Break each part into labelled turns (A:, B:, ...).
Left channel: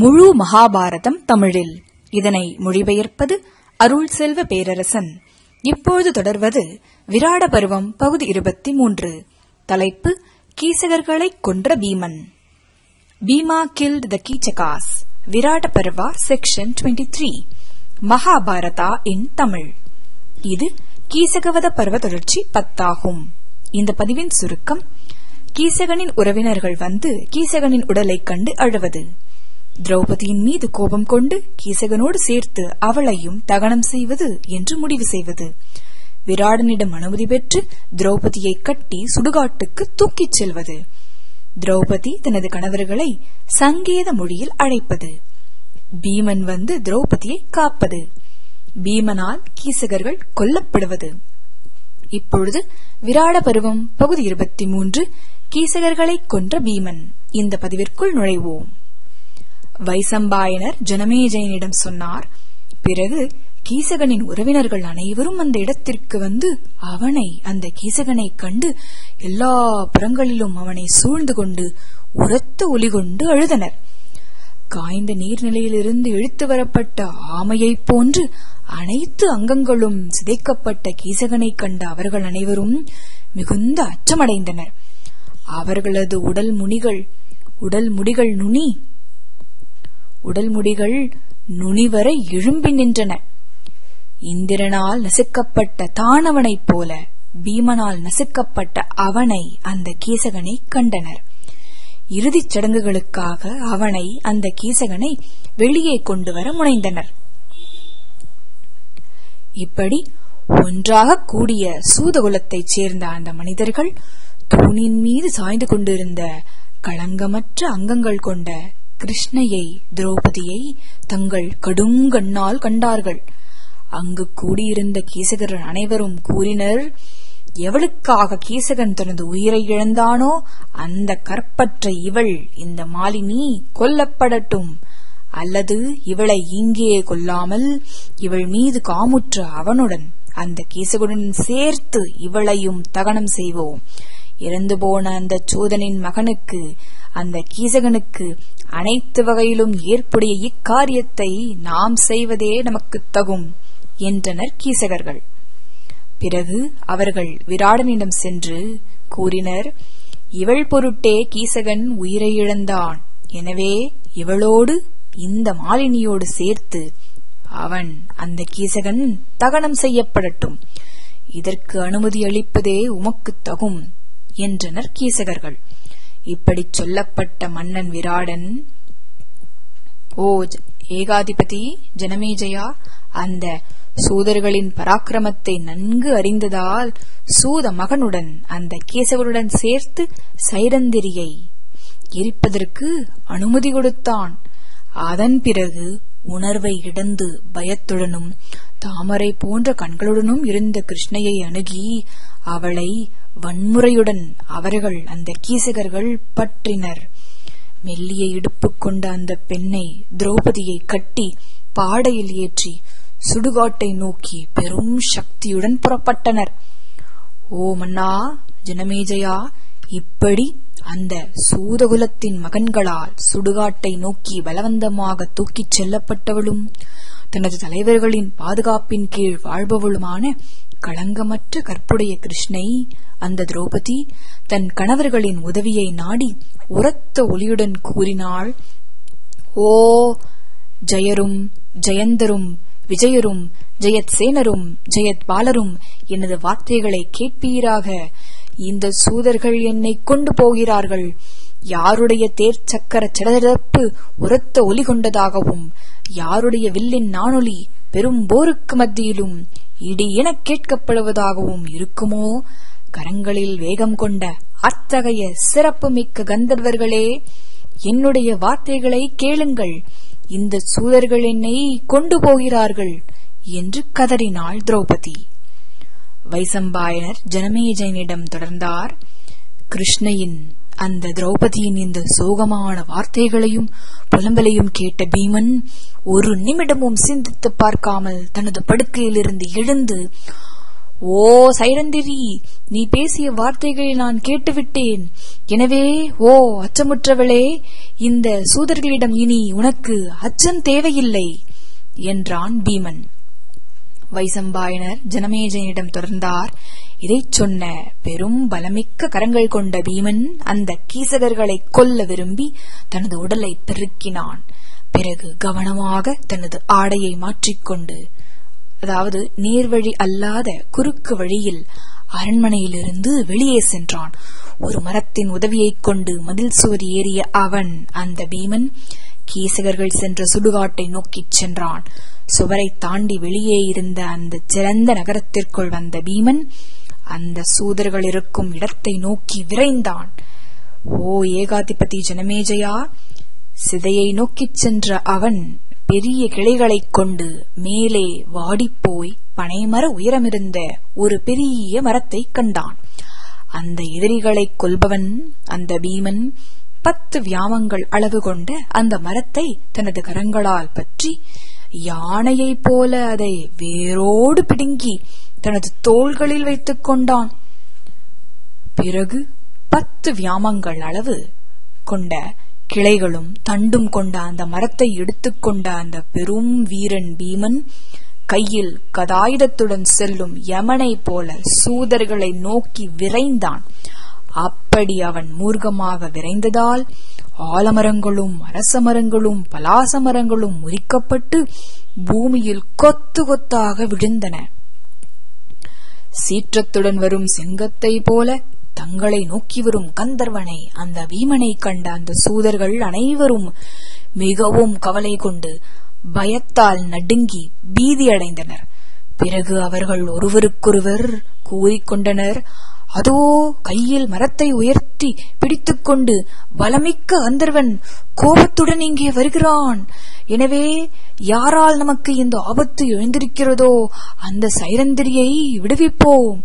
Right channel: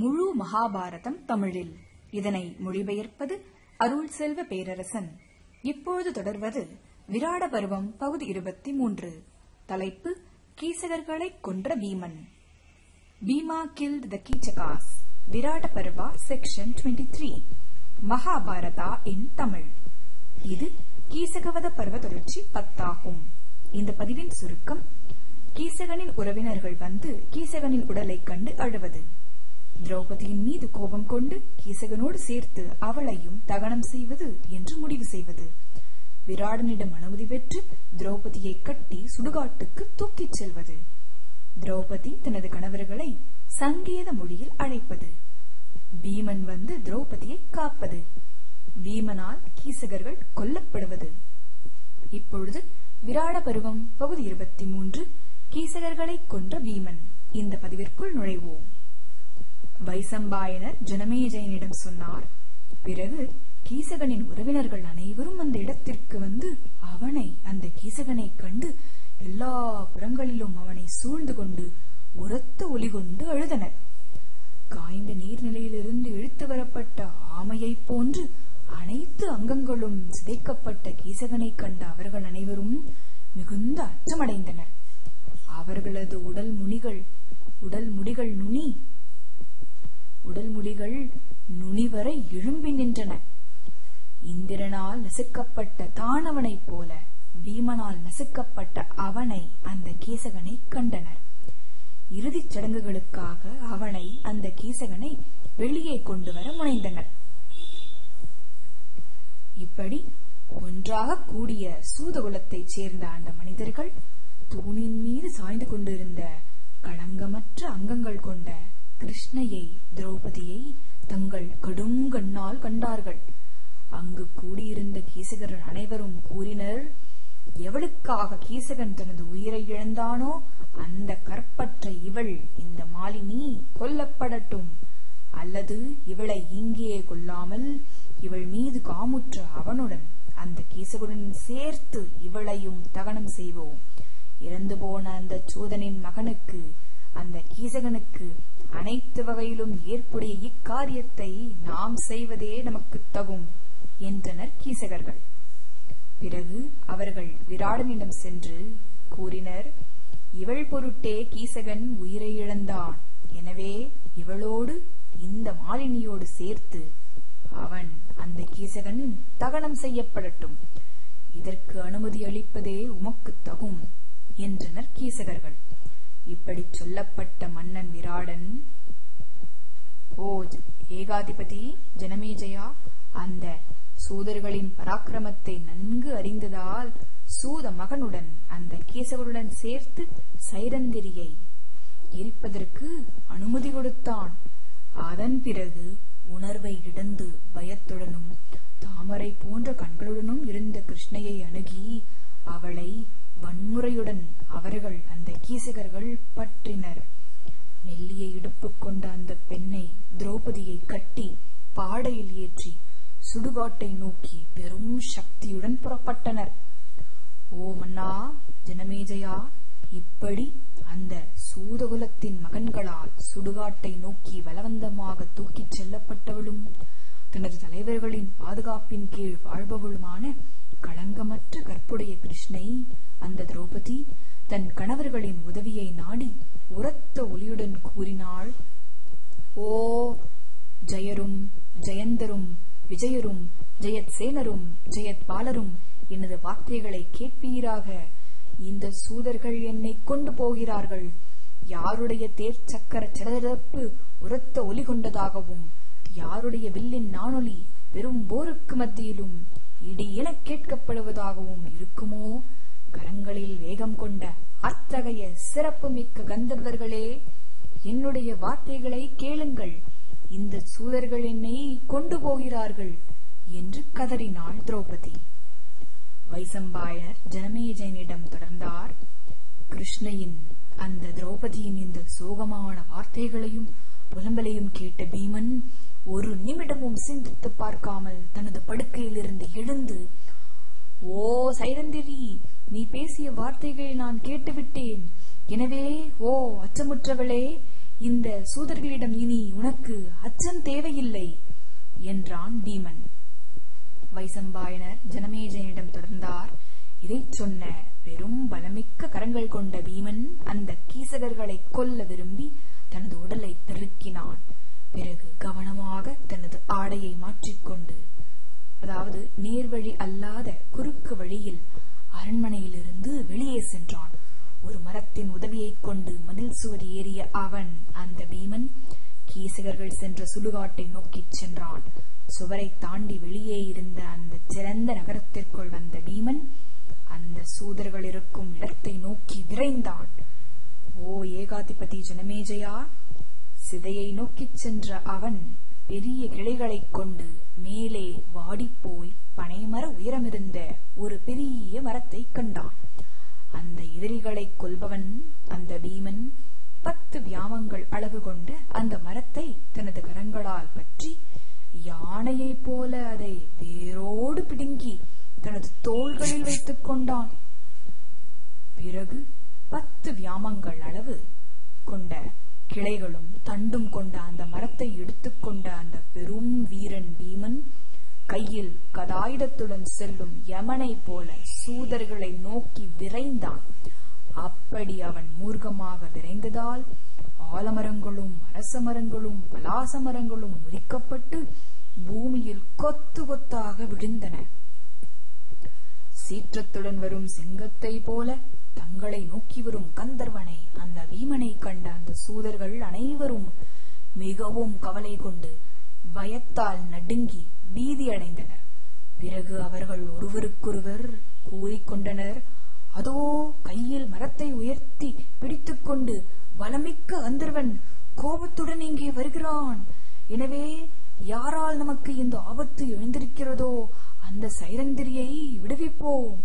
A: முழு மகாபாரதம் தமிழில். இதனை மொழிபெயர்ப்பது அருள் செல்வ பேரரசன். இப்பொழுது தொடர்வது விராட பருவம் பகுதி இருபத்தி மூன்று. தலைப்பு கீசகர்களைக் கொன்ற Bheeman. Bhima killed the Keechakas Virata Parva section 23 Mahabharata in Tamil. இது கீசகவத பருவ தொடர்ச்சி பத்தாகும். இந்த பதிவின் சுருக்கம் கீசகனின் உறவினர்கள் வந்து கீசகனின் உடலைக் கண்டு அழுவது. திரௌபதியின் மீது கோபம் கொண்டு கீசகனோடு சேர்த்து அவளையும் தகனம் செய்வது என்று முடிவு செய்வது. விராடனிடம் அனுமதி பெற்று திரௌபதியை கட்டி சுடுகாட்டுக்கு தூக்கிச் செல்வது. திரௌபதி தனது கணவர்களை சங்கேத மொழியில் அழைப்பது. பீமன் வந்து திரௌபதியை காப்பது. பீமனால் கீசகர்கள் கொல்லப்படுவது. இப்பொழுது விராட பருவம் பகுதி இருபத்தி மூன்று. கீசகர்களைக் கொன்ற பீமன். இந்த பதிவிற்குள் நுழைவோம். வைசம்பாயனர் ஜனமேஜயனிடம் சொன்னார் பிறகு கீசகனின் உறவினர்கள் அனைவரும் அந்த இடத்திற்கு வந்து அவனை அந்த கீசகனை கண்டு எல்லா புறங்களிலும் அவனை சூழ்ந்து கொண்டு உரத்த ஒலி கொண்டு அழுதனர். காய்ந்த நீர்நிலையிலிருந்து இழுத்து வரப்பட்ட ஆமையைப் போன்று அனைத்து அங்கங்களும் சிதைக்கப்பட்ட கீசகனை கண்ட அவர்கள் அனைவரும் மிகுந்த அச்சமடைந்தனர். அவர்களது உடல் முனிகள் உடல் முடிகள் நுனி உடல் முடிகள் நுனிவரை எழும்பி நின்றன. இந்திரனால் நசுக்கப்பட்ட தானவனைப் போல பீமனால் நசுக்கப்பட்ட அவனை அந்த கீசகனை கண்டனர். இறுதிச் சடங்குகளுக்காக அவனை அந்த கீசகனை வெளியே கொண்டு வர முனைந்தனர். இப்படி ஒன்றாக கூடிய சூதகுலத்தைச் சேர்ந்த அந்த மனிதர்கள் தூணின் மீது சாய்ந்து கொண்டிருந்த களங்கமற்ற அங்கங்கள் கொண்ட கிருஷ்ணையை திரௌபதியை தங்கள் கடுங்கண்ணால் கண்டார்கள். அங்கு கூடியிருந்த கீசகர் அனைவரும் கூறினர் எவளுக்காக கீசகன் தனது உயிரை இழந்தானோ அந்த கற்பற்ற இவள் இந்த மாலினி கொல்லப்படட்டும். அல்லது இவளை இங்கே கொல்லாமல் இவள் மீது காமுற்ற அவனுடன் அந்த கீசகுடன் சேர்த்து இவளையும் தகனம் செய்வோம். இறந்து போன அந்த சூதனின் மகனுக்கு அந்த கீசகனுக்கு அனைத்து வகையிலும் ஏற்புடைய இக்காரியத்தை நாம் செய்வதே நமக்கு தகும் என்றனர் கீசகர்கள். பிறகு அவர்கள் விராடனிடம் சென்று கூறினர் இவள் பொருட்டே கீசகன் உயிரை இழந்தான். எனவே இவளோடு இந்த மாலினியோடு சேர்த்து அவன் அந்த கீசகன் தகனம் செய்யப்படட்டும். இதற்கு அனுமதி அளிப்பதே உமக்கு தகும் என்றனர் கீசகர்கள். இப்படி சொல்லப்பட்ட மன்னன் விராடன் ஓ ஏகாதிபதி ஜனமேஜயா அந்த சூதர்களின் பராக்கிரமத்தை நன்கு அறிந்ததால் சூத மகனுடன் அந்த கேசவருடன் சேர்த்து சைரந்திரியை எரிப்பதற்கு அனுமதி கொடுத்தான். அதன் பிறகு உணர்வை இழந்து பயத்துடனும் தாமரை போன்ற கண்களுடனும் இருந்த கிருஷ்ணையை அணுகி அவளை வன்முறையுடன் அவர்கள் அந்த கீசகர்கள் பற்றினர். மெல்லிய இடுப்பு கொண்ட அந்த பெண்ணை திரௌபதியை கட்டி பாடையில் ஏற்றி சுடுகாட்டை நோக்கி பெரும் சக்தியுடன் புறப்பட்டனர். ஓ மன்னா ஜனமேஜயா இப்படி அந்த சூதகுலத்தின் மகன்களால் சுடுகாட்டை நோக்கி பலவந்தமாக தூக்கிச் செல்லப்பட்டவளும் தனது தலைவர்களின் பாதுகாப்பின் கீழ் வாழ்பவளுமான களங்கமற்ற கற்புடைய கிருஷ்ணை அந்த திரௌபதி தன் கணவர்களின் உதவியை நாடி உரத்த ஒளியுடன் கூறினாள் ஓ ஜெயரும் ஜெயந்தரும் விஜயரும் ஜெயத் சேனரும் ஜெயத் பாலரும் எனது வார்த்தைகளை கேட்பீராக. இந்த சூதர்கள் என்னை கொண்டு போகிறார்கள். யாருடைய தேர் சக்கர சடதப்பு உரத்த ஒலி கொண்டதாகவும் யாருடைய வில்லின் நானொலி பெரும் போருக்கு மத்தியிலும் இடி என கேட்கப்படுவதாகவும் இருக்குமோ? கரங்களில் வேகம் கொண்ட அத்தகைய சிறப்பு மிக்க கந்தர்வர்களே என்னுடைய வார்த்தைகளை கேளுங்கள். இந்த சூதர்கள் என்னை கொண்டு போகிறார்கள் என்று கதறினாள் திரௌபதி. வைசம்பாயனர் ஜனமேஜயனிடம் தொடர்ந்தார். கிருஷ்ணையின் அந்த திரௌபதியின் இந்த சோகமான வார்த்தைகளையும் புலம்பலையும் கேட்ட பீமன் ஒரு நிமிடமும் சிந்தித்து பார்க்காமல் தனது படுக்கையிலிருந்து எழுந்து ஓ சைரந்திரி நீ பேசிய வார்த்தைகளை நான் கேட்டுவிட்டேன். எனவே ஓ அச்சமுற்றவளே இந்த சூதர்களிடம் இனி உனக்கு அச்சம் தேவையில்லை என்றான் பீமன். வைசம்பாயனர் ஜனமேஜனிடம் தொடர்ந்தார். இதைச் சொன்ன பெரும் பலமிக்க கரங்கள் கொண்ட பீமன் அந்த கீசகர்களை கொல்ல விரும்பி தனது உடலை பெருக்கினான். பிறகு கவனமாக தனது ஆடையை மாற்றிக்கொண்டு அதாவது நேர்வழி அல்லாத குறுக்கு வழியில் அரண்மனையிலிருந்து வெளியே சென்றான். ஒரு மரத்தின் உதவியைக் கொண்டு மதில் சுவர் ஏறிய அவன் அந்த பீமன் கீசகர்கள் சென்ற சுடுகாட்டை நோக்கிச் சென்றான். சுவரை தாண்டி வெளியே இருந்த அந்த சிறந்த நகரத்திற்குள் வந்த பீமன் அந்த சூதர்கள் இருக்கும் இடத்தை நோக்கி விரைந்தான். ஓ ஏகாதிபதி ஜனமேஜயா! சிதையை நோக்கிச் சென்ற அவன் பெரிய கிளைகளைக் கொண்டு மேலே வாடிப்போய் பனைமர உயரமிருந்த ஒரு பெரிய மரத்தைக் கண்டான். அந்த எதிரிகளைக் கொல்பவன் அந்த பீமன் பத்து வியாமங்கள் அளவு கொண்ட அந்த மரத்தை தனது கரங்களால் பற்றி யானையைப் போல அதை வேரோடு பிடுங்கி தனது தோள்களில் வைத்துக் கொண்டான். பிறகு பத்து வியாமங்கள் அளவு கொண்ட கிளைகளும் தண்டும் கொண்ட அந்த மரத்தை எடுத்துக்கொண்ட அந்த பெரும் வீரன் பீமன் கையில் கதாயுதத்துடன் செல்லும் யமனை போல சூதர்களை நோக்கி விரைந்தான். அப்படி அவன் மூர்க்கமாக விரைந்ததால் ஆலமரங்களும் அரச மரங்களும் பலாச மரங்களும் முறிக்கப்பட்டு பூமியில் கொத்து கொத்தாக விழுந்தன. சீற்றத்துடன் வரும் சிங்கத்தை போல தங்களை நோக்கி வரும் கந்தர்வனை அந்த வீமனை கண்ட அந்த சூதர்கள் அனைவரும் மிகவும் கவலை கொண்டு பயத்தால் நடுங்கி பீதியடைந்தனர் பிறகு அவர்கள் ஒருவருக்கொருவர் கூறிக்கொண்டனர் அதோ கையில் மரத்தை உயர்த்தி பிடித்துக்கொண்டு பலமிக்க கந்தர்வன் கோபத்துடன் இங்கே வருகிறான். எனவே யாரால் நமக்கு இந்த ஆபத்து எழுந்திருக்கிறதோ அந்த சைரந்திரியை விடுவிப்போம்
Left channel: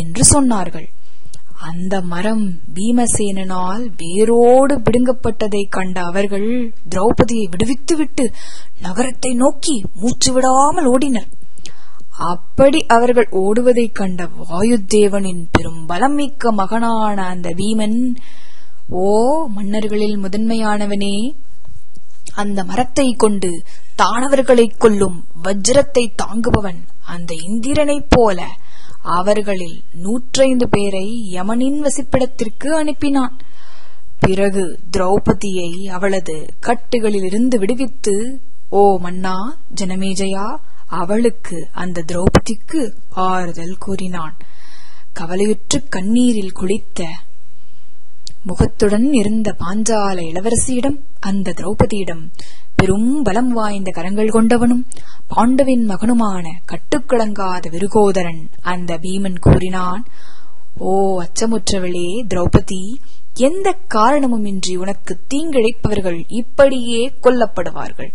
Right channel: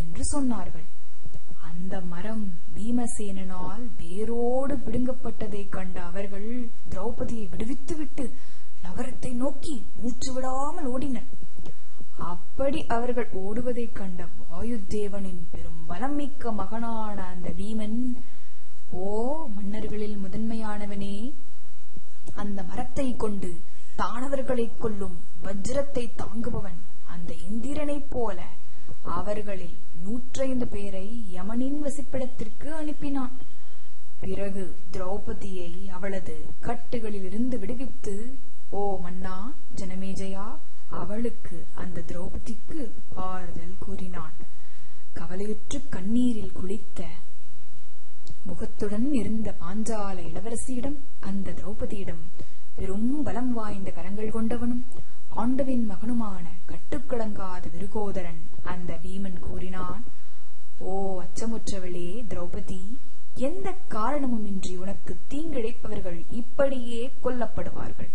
A: என்று சொன்னார்கள். அந்த மரம் பீமசேனனால் வேரோடு பிடுங்கப்பட்டதை கண்ட அவர்கள் திரௌபதியை விடுவித்துவிட்டு நகரத்தை நோக்கி மூச்சு விடாமல் ஓடினர். அப்படி அவர்கள் ஓடுவதைக் கண்ட வாயுதேவனின் பெரும் மிக்க மகனான அந்த பீமன் ஓ மன்னர்களில் முதன்மையானவனே அந்த மரத்தை கொண்டு தானவர்களைக் கொல்லும் வஜ்ரத்தை தாங்குபவன் அந்த இந்திரனைப் போல. அவர்களில் நூற்றைந்து பேரை யமனின் வசிப்பிடத்திற்கு அனுப்பினான். பிறகு திரௌபதியை அவளது கட்டுகளிலிருந்து விடுவித்து ஓ மன்னா ஜனமேஜயா அவளுக்கு அந்த திரௌபதிக்கு ஆறுதல் கூறினான். கவலையுற்று கண்ணீரில் குளித்த முகத்துடன் இருந்த பாஞ்சால இளவரசியிடம் அந்த திரௌபதியிடம் பெரும் பலம் வாய்ந்த கரங்கள் கொண்டவனும் பாண்டவின் மகனுமான கட்டுக்கிழங்காத விருகோதரன் அந்த பீமன் கூறினான் ஓ அச்சமுற்றவளே திரௌபதி எந்த காரணமுமின்றி உனக்கு தீங்கிழைப்பவர்கள் இப்படியே கொல்லப்படுவார்கள்?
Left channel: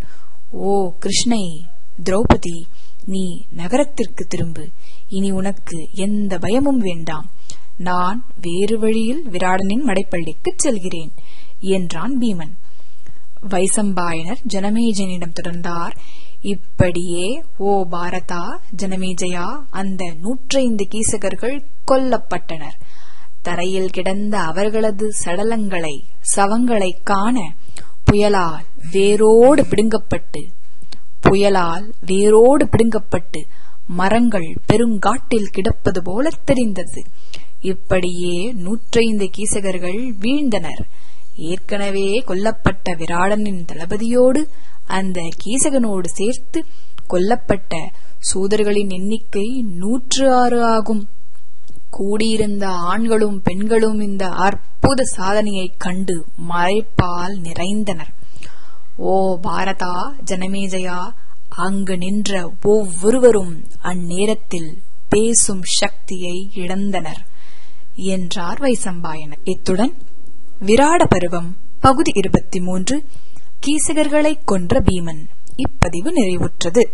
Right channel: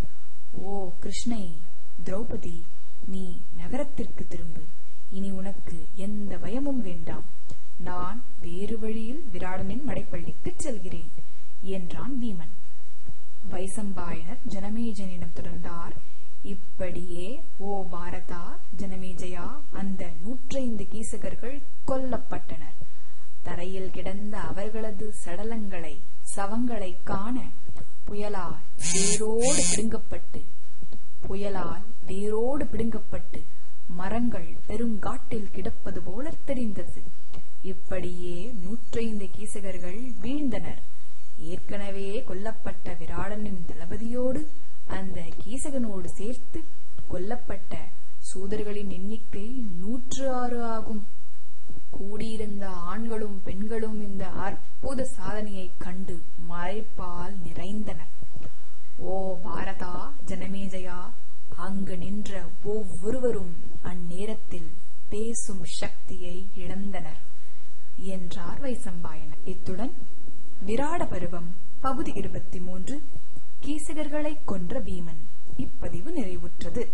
A: ஓ கிருஷ்ணை திரௌபதி நீ நகரத்திற்கு திரும்பு. இனி உனக்கு எந்த பயமும் வேண்டாம். நான் வேறு வழியில் விராடனின் மடைப்பள்ளிக்கு செல்கிறேன் என்றான் பீமன். வைசம்பாயனர் ஜனமேஜனிடம் தொடர்ந்தார். இப்படியே ஓ பாரதா ஜனமேஜயா அந்த நூற்றைந்து கீசகர்கள் கொல்லப்பட்டனர். தரையில் கிடந்த அவர்களது சடலங்களை சவங்களை காண புயலால் வேரோடு பிடுங்கப்பட்டு புயலால் வேரோடு பிடுங்கப்பட்டு மரங்கள் பெருங்காட்டில் கிடப்பது போல தெரிந்தது. இப்படியே நூற்றைந்து கீசகர்கள் வீழ்ந்தனர். ஏற்கனவே கொல்லப்பட்ட விராடனின் தளபதியோடு அந்த கீசகனோடு சேர்த்து கொல்லப்பட்ட சூதர்களின் எண்ணிக்கை நூற்று ஆறு ஆகும். கூடியிருந்த ஆண்களும் பெண்களும் இந்த அற்புத சாதனையைக் கண்டு மறைப்பால் நிறைந்தனர். ஓ பாரதா ஜனமேஜயா அங்கு நின்ற ஒவ்வொருவரும் அந்நேரத்தில் பேசும் சக்தியை இழந்தனர் என்றார் வைசம்பாயனர். இத்துடன் விராட பருவம் பகுதி இருபத்தி மூன்று கீசகர்களைக் கொன்ற பீமன். இப்பதிவு நிறைவுற்றது.